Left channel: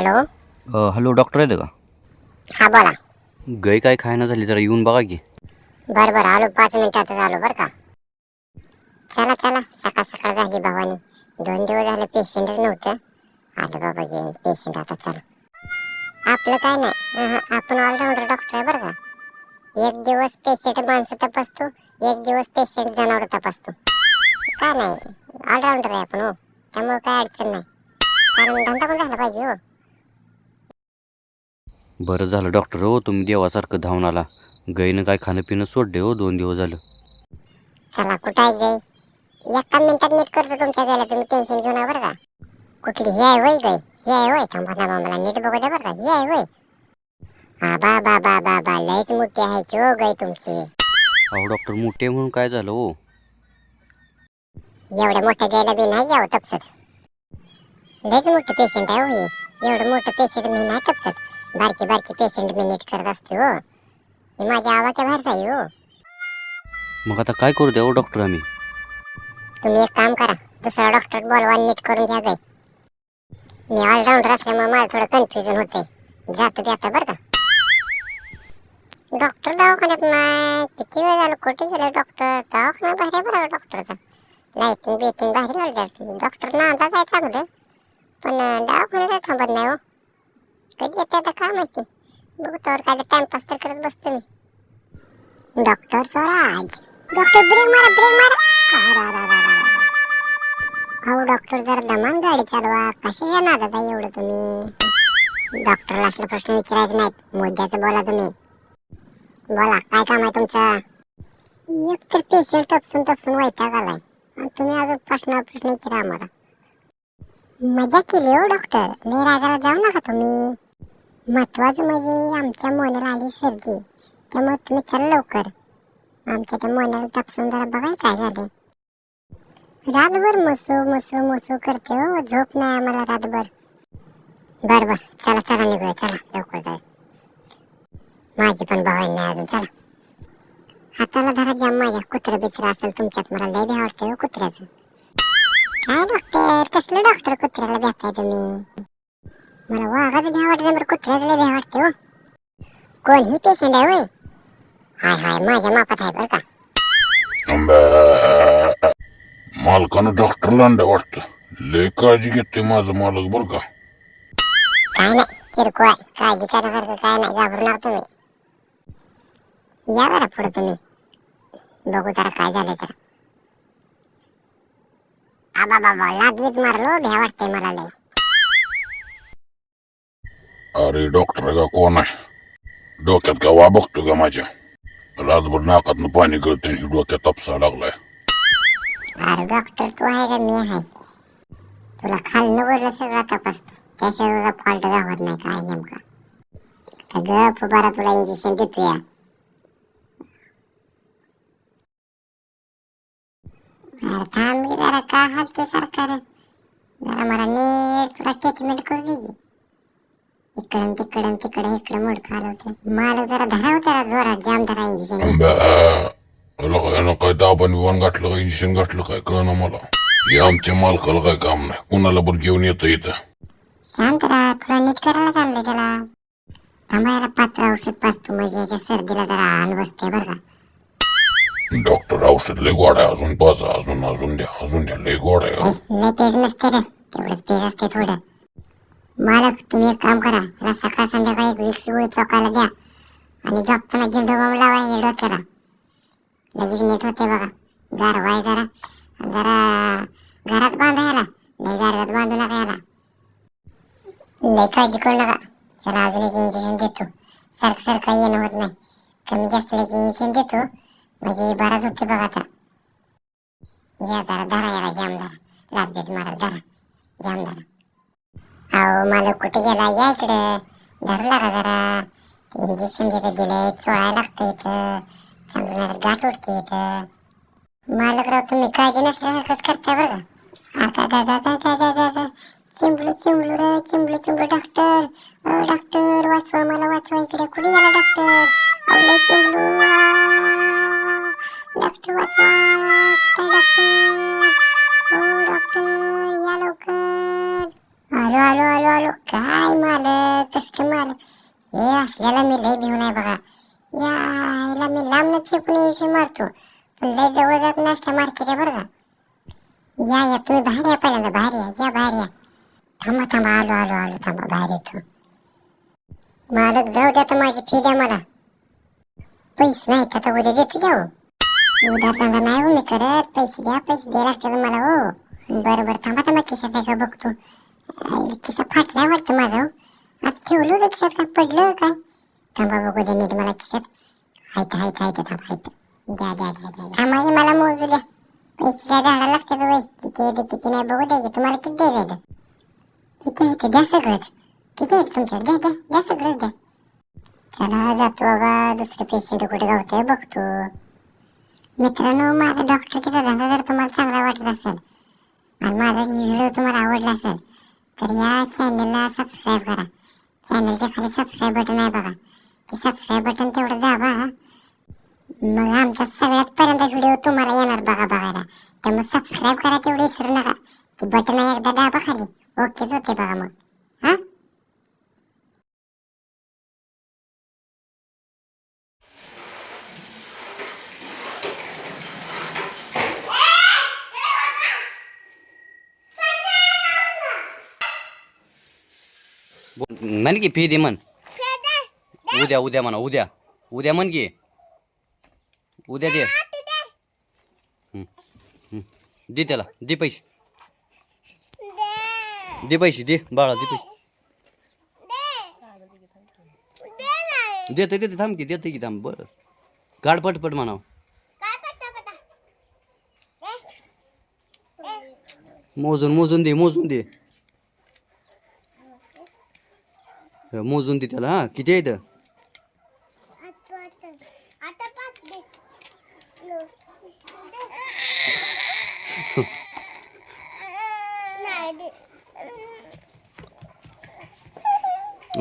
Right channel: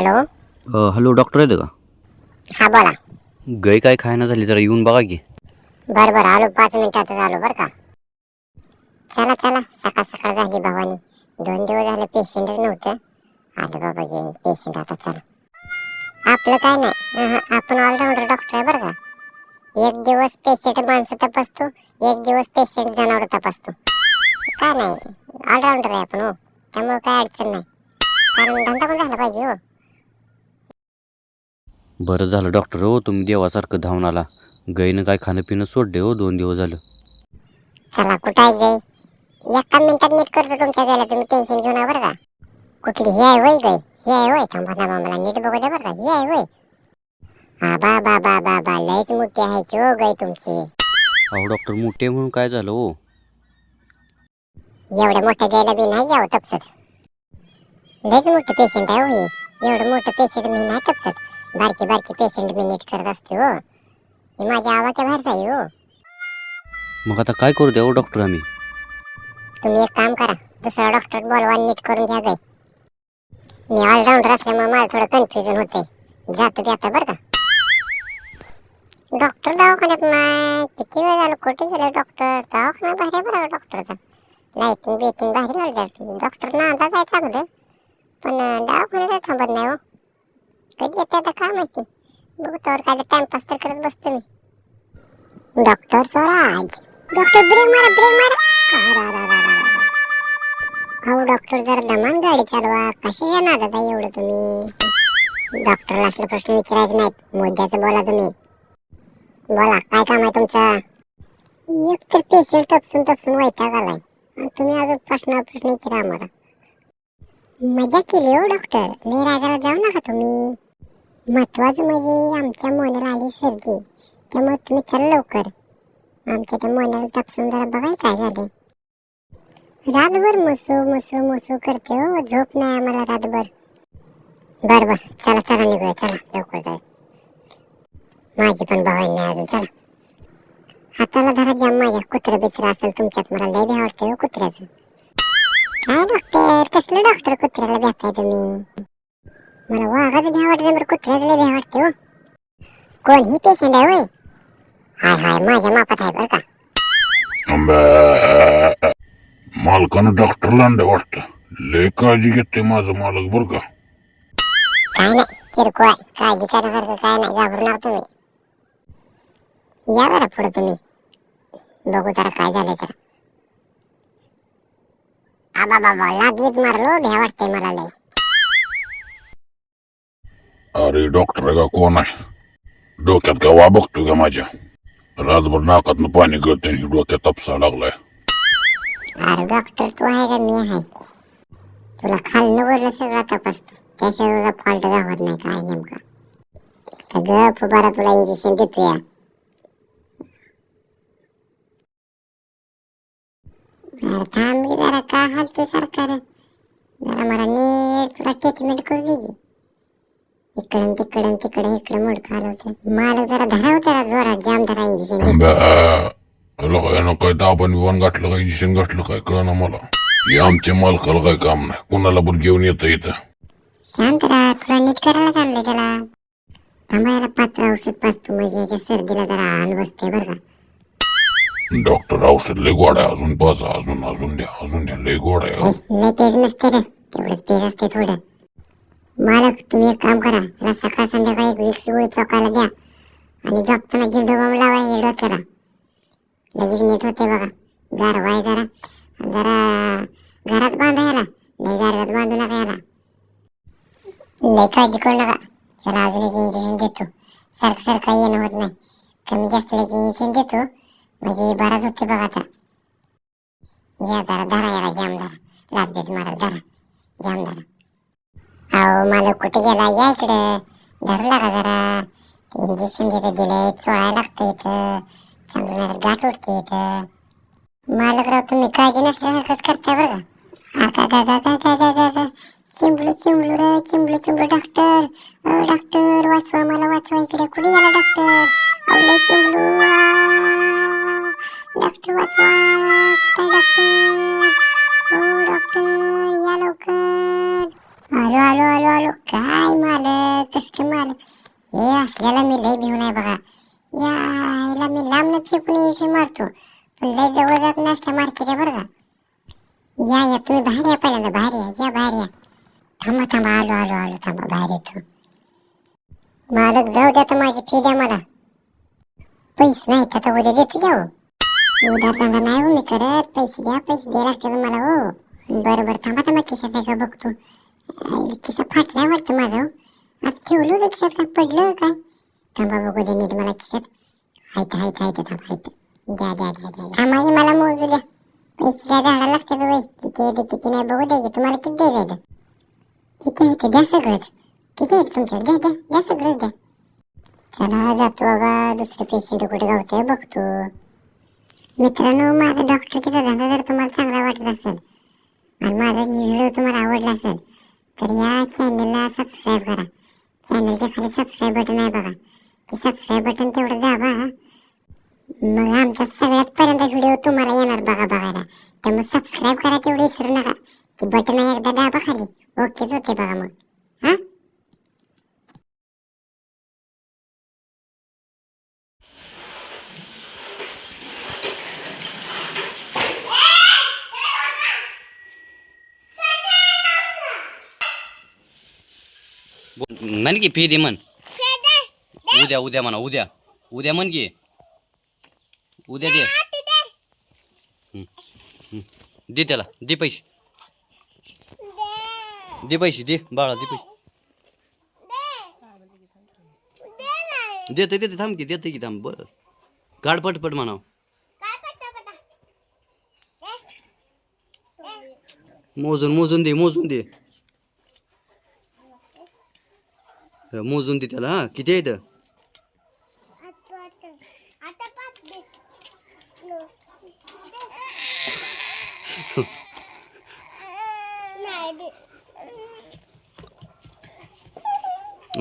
Hello. Hello doctor आहेत का? हा बोला. गाय काय खायना झाली, जरा येऊन बघा की. बरं बरं आलो, 5 मिनिटातच आलो बरं का. चला चला, सकाळ सकाळ झाली भवानी. 2 दिवस झाले पेशंटच नव्हतं. आलं बाबा घे पेशंट आता. चला, आपलं काय नाही, आपण ऑलराऊंडर डॉक्टर आहे बरं का. एक दिवस पेशंट माणसं तपासतो, एक दिवस पेशंट जनावर तपासतो. काय नाही, ऑलराऊंडर आहे आपण हो. त्यामुळे काय अडचण नाही, कारण धंदा पण झाला पाहिजे हो. बरं झालं डॉक्टर हो, तुम्ही देवासारखं धावून आला. गायनं काय खाणं पिणं सोडले हो, 2 दिवस झालं. चला, कुठं आहे गाय? 1 मिनिटात नीट करतो तुमच्या गायला, तुम्ही टेन्शन घेऊ नका बरं का. कुठली ही आहे होय गाय? ही आहे होय? थांबा थांबा, मला नीट बघू द्या बरं का. ही आहे होय? हा बा बा बा बा बा, लयच मोठी आहे की हो गाय तुमची. अहो डॉक्टर, मोठे म्हणून काय झालं हो? एवढ्या मोठ्या गायला बी नाही घ्यावं तपसत. लयच मोठं पेशंट आहे हो हे. एवढं मोठं पेशंट मी नाही तपसत. बारकी बारकी पेशंट मी नीट करत असते हो. ही माझ्या आवाक्या बाहेरच आहे हो. मग आता काय करू द्या हो डॉक्टर आम्ही? तुम्ही एक काम करा, दुसरा डॉक्टर बोलवा, नीट करून घ्या गाय. मी ऑलराऊंडर असल्यामुळे मला थोडं कन्फ्युजन होतंय. जातो बी आता बरं का. डॉक्टर दवाखान्यात नाही, किती वेळ झालं कुठे गेले डॉक्टर? दवाखाना भारी आहे बरं डॉक्टरचा. लाईटिंग बिटिंग भारी लावली. डॉक्टर नांदाच आहे चांगलं, पण दवाखान्यात थांबत नाही हो. कधी येते आता काय माहिती. बघू तर काय टाइमपास तर करत बसतो मी. डॉक्टर स्वराज, डॉक्टर ब्रेक मारा, ब्रेक मारा. अहो डॉक्टर, जरा दमान गाडी चालवा. कशाच्या नादात आहे एवढं तुम्ही? डॉक्टरला असले प्रश्न विचारायचे नाहीत, मुद्द्याचं बोला तुम्ही. बोला, काय काम आहे तुमचं? एक तर पेशंट तपसून तपसून वैताग आलाय, आणि तुम्ही अजून प्रश्न विचारा आम्हाला. मजा केली हो डॉक्टर, लय रागाला जाऊ नका तुम्ही. महत्वाचं म्हणजे आमच्या मोन्याला आली सर्दी, त्यामुळे तुम्ही चला लवकर. आमच्या त्या मोन्याला तपसून जरा बघाय काय झालं. रातभर मसू मसू मसू करते हो, झोप नाही आम्हाला रातभर. बर बर, चला चला निघूया, चला लवकर जाऊ. माझी पण भवानी नाही अजून, चला. हाताला धरा जाम माझ्या, कुत्रं बित्र असेल तुमच्यात, मला लय भ्या वाटते हो कुत्र्याचं. काय डॉक्टर, कसलं डॉक्टर कुत्र्याला भेटताय तुम्ही? मला वाघाचं भ्या वाटतं, बरं कुत्र्याचं लय भ्या वाटते हो. कोण ही पेशंट आहे होय? हाय हाय, माझ्या मापात आहे बरं का. मालकानं डॉक्टरला अंड वाटतं. लय काळजी घेते माझं मालक बरं का. काय नाही, किरकोळ आहे, काळजी करण्यासारखं काय नाही, घाबरू नका तुम्ही. या जरा पुढे तुम्ही, बघू जरा काय झालंय तर. आबा बाबा, लादवीत मारलो, भ्या वाटतंय मला लय. अरे डॉक्टर का कोण आहे? डोक्यात का वा बघतो का माझ्या? रातभर नाकातनं पाणी गळतंय आणि डोक्यात तपसा लागलाय. अरे डॉक्टर, तू आहे का मी आहे? तुला खाल्लं वरलं सगळं तपासतो, त्याशिवाय तुझा फॉल्ट गावत नाही काय नेमका. तर गप बरा, तुला इंजेक्शन देतोया. अरे थांब की जरा, का हालतोय सारखा रे? जरा मला नीट तुला ट्रीटमेंट करू दे की. इकडं तिकडं तिकडं इकडं मुडकं हलवतोय. मला जरा धरा होत्या जोरात, जाम धरा इंजेक्शन देतो. यानं काय दाबाने वन गाठलं काय इंजेक्शन गाठलं काय कळना मला. हे आमच्या मालकाला काय काम नाही, कुणाला पण घेऊन येतं इथं. शांत राहा, तुला नीट करायला चाललंय त्याला. थांबा, याला पात्र औषध पाजतो, म्हणजे याच्या सर्दीला जरा आळान बसते बरं का. डॉक्टर औषध लय गोड आहे, अजून पाजा, अजून द्या लय गोड आहे. लय पेज नसते रे, तेवढंच पेज असते थोडं. मालक, तुम्ही एक काम करा, याला सकाळ संध्याकाळी एक विक्स गोळी चोकायला द्या, आणि झोपताना झेंडू बाम लावा या डोक्याला. लगेच नीट होते बघा. गारवाय जरा जरा घरात बांधा याला, लय गारव्यात बांधू नका याला. लय काळजी करू नका. चला, अजून एक इंजेक्शन देतो. सारखं सारखं येणं होत नाही, कमी जास्त एक इंजेक्शन देतो, म्हणजे बराच होते बघा आता. या जरा, धरा याला जाम, धरा लादबीत मारा, धरा जाम धरा. अहो मला कुठे गेला, या इकडं, धरला का जरा. इंजेक्शन तिथं दिलंय, चोळायला लागतं इथं, चांगलं नाही गाठ उठते इथं. मालकराव, तुम्ही काळजी नसल्यासारखंच करता बरं का. काय चिंबलू चिंबलू रे, चिंबलू चिंबलू. डॉक्टर, डॉक्टर वाचवा मला, वाचवा इकडे. कुठे गेला डॉक्टर? अवलय चिंबलू, डॉक्टर वाचवा, कुठे डॉक्टर? हो डॉक्टर, या लवकर. आलो आलो आलो आलो. काय मालक कसं मालक हे असल्याला मी लय भिवून आहे बघा. यायला मी लांब फेकून यायची मारतो पण लय जवळ जात नसल्या मार्केटच्या बरं का. या तुम्ही बाहेर या पहिल्यांदा बाहेर या बाहेर या. थांबा आलो थांबा बाहेर येतो. मालक जाऊ द्या तर माझी फी द्या मला. पैसे नाही तर उद्या देतो द्या हो. उद्या धंदा नाही हो मी करत. पैसे द्या लागतात मला हो. बरं थांबा खिशात आहे का बघतो. खिसा फाटलाय वाटतं माझं हो. आता ठेवलं होतं खिशात काय पडलं काय. थांबा बघू द्या नीट मला खिशात. हायत थांबा द्या थांबा मला मोजू द्या. पैसे काय झाडा लागतात वय किती येते किती नाही बघू द्या की तुम्हाला किती द्यायचं. किती येतं द्या सगळंच. किती येतं तुमच्याकडे द्या सगळंच द्या. चला जातो बाबा दुसरे पेशंट कुठे गावते बघतो. मित्रांनो माझा डॉक्टरकीचा धंदा जर तुम्हाला चांगला वाटत असेल आणि माझा व्हिडिओ तुम्हाला आवडला असेल तर या चॅनलला सबस्क्राईब करा. चॅनलच्या खाली सबस्क्राईब बटन आहे बघा. ते सबस्क्राईब बटन तेवढं दाबा. मग आमचा सगळ्यात पहिल्यांदा व्हिडिओ तुम्हाला येणार बघायला. त्यामुळे सबस्क्राईब करा तेवढं विसरू नका. ते बटन एकदा दाबा खाली ओकेच होते बघा मग. हां म्हण की फी दे म्हण. उद्या म्हणा उद्या म्हण की उद्या दे. दे त्याला दे पैसे दे बाळा दे पैसे. देते थांब की थांब. बरं काढ पटपट म्हणाव. मोजून दे मोजून दे त्याला. हा किती आहे इथं.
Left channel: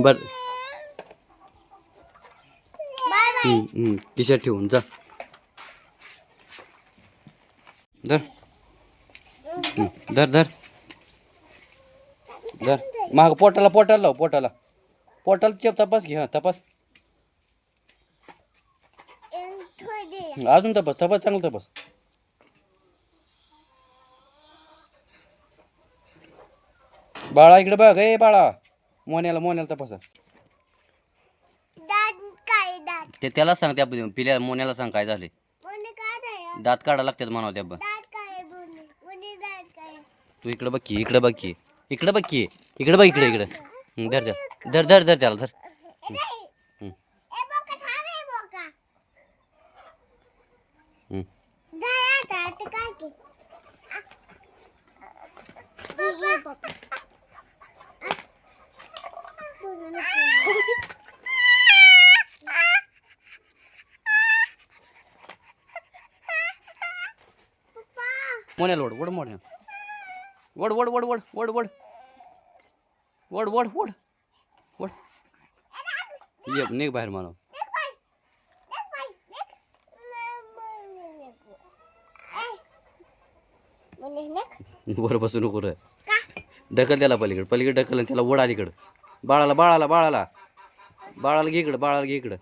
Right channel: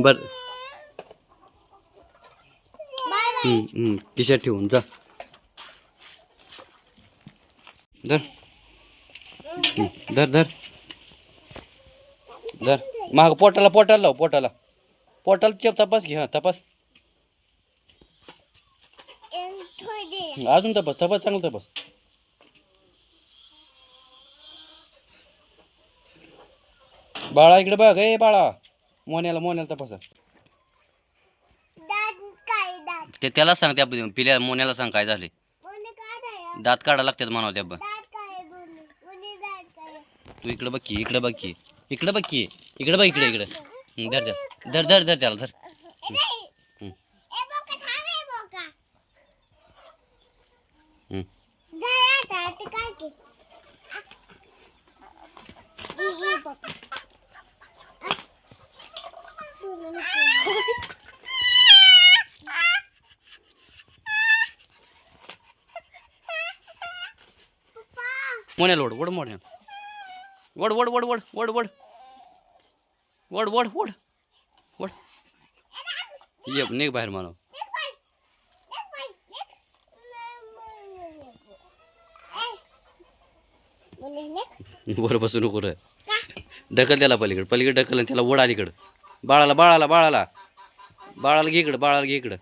बर खिशात ठेवून जा. धर माग पोटाला लाव पोटाला चेप तपास घे. हा तपास अजून तपास चांगलं तपास. बाळा इकडे बघ. ए बाळा मोन्याला तपासा. ते त्याला सांग त्या पिल्या मोन्याला सांग काय झाले. दात काढा लागतात म्हणावं त्या. तू इकडे बघ की इकडे बघ इकडे. धर त्याला धर. मोन्याला ओढ मोन्या ओढ. ये निघ बाहेर म्हणावं. वर बसू नको रे. ढकल त्याला पलीकडे ढकल त्याला ओढ अलीकडं. बाळाला घे इकडं.